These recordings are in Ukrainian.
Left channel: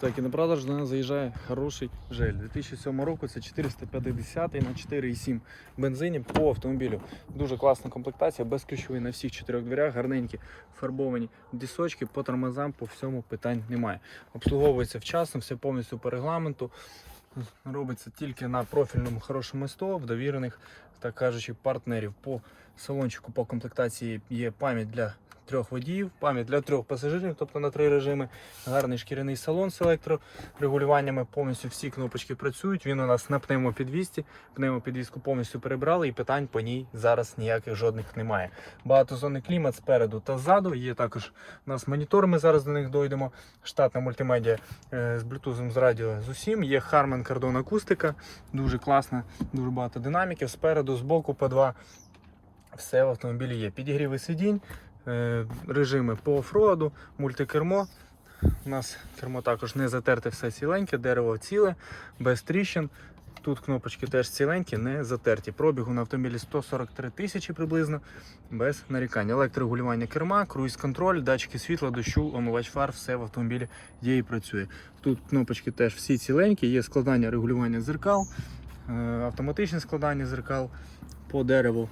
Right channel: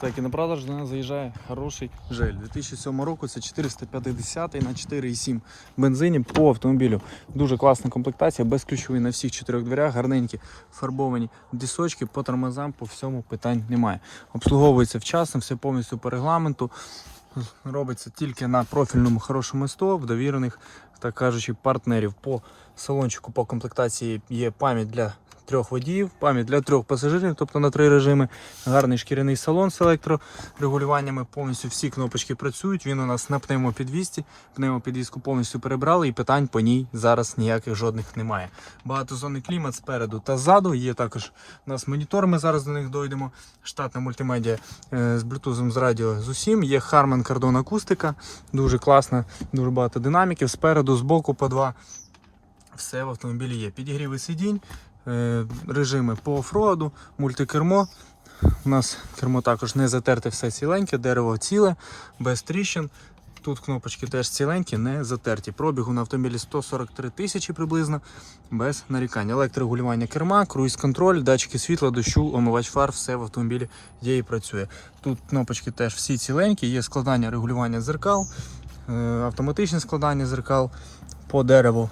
Так, і на продаж до нас заїжджає хороший жель. 2007 року це 450 на 4,7 бензині по автомобілю. Дуже класна комплектація, безключовий на всіх чотирьох дверях, гарненькі фарбовані дисочки, по тормозам, по всьому питань немає. Обслуговується вчасно, все повністю по регламенту. Робиться тільки на профільному хорошому СТО, в довірених, так кажучи, партнерів. По салончику по комплектації є пам'ять для трьох водіїв, пам'ять для трьох пасажирів, тобто на три режими. Гарний шкіряний салон з електрорегулюваннями. Повністю всі кнопочки працюють. Він у нас на пневмопідвісті. Пневмопідвіску повністю перебрали і питань по ній зараз ніяких жодних немає. Багатозонний клімат спереду та ззаду. Є також у нас монітор, ми зараз до них дойдемо. Штатна мультимедіа е, з Bluetooth, з радіо з усім. Є Harman Kardon акустика. Дуже класна, дуже багато динаміків. Спереду, збоку по два. Все в автомобілі є. Підігріви сидінь, режими по офроаду, мультикермо. У нас кермо також не затерте все ціленьке, дерево ціле, без тріщин. Тут кнопочки теж ціленькі, не затерті. Пробігу на автомобілі 143 тисячі приблизно, без нарікань. Електрорегулювання керма, круїз-контроль, датчики світла, дощу, омивач фар, все в автомобілі є і працює. Тут кнопочки теж всі ціленькі, є складання регулювання дзеркал, е, автоматичне складання дзеркал по дереву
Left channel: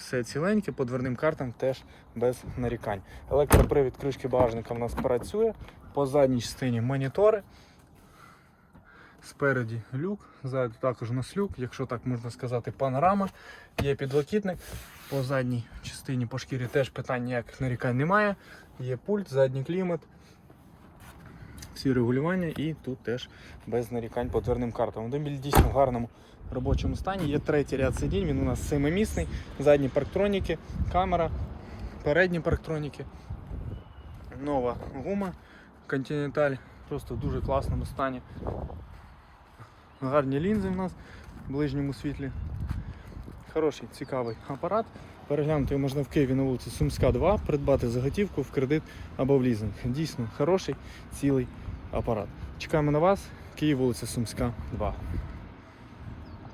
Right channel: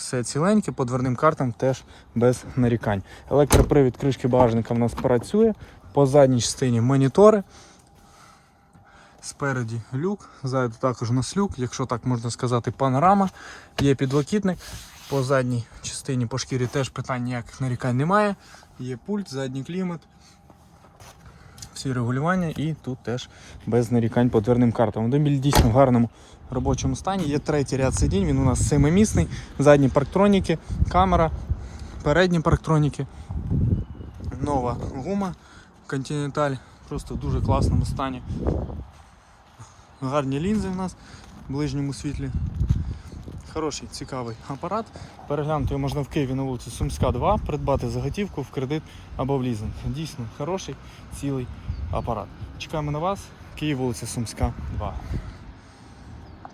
все ціленьке, по дверним картам теж без нарікань. Електропривід кришки багажника в нас працює. По задній частині монітори. Спереді люк, ззаду також у нас люк, якщо так можна сказати, панорама. Є підлокітник. По задній частині по шкірі теж питань ніяких нарікань немає. Є пульт, задній клімат. Всі регулювання і тут теж без нарікань по дверним картам. Автомобіль дійсно в гарному робочому стані. Є третій ряд сидінь, він у нас семимісний, задні парктроніки, камера, передні парктроніки, нова гума Continental, просто в дуже класному стані. Гарні лінзи в нас в ближньому світлі. Хороший, цікавий апарат. Переглянути його можна в Києві на вулиці Сумська 2, придбати заготівку в кредит або в лізинг. Дійсно хороший, цілий апарат. Чекаємо на вас, Київ, вулиця Сумська 2.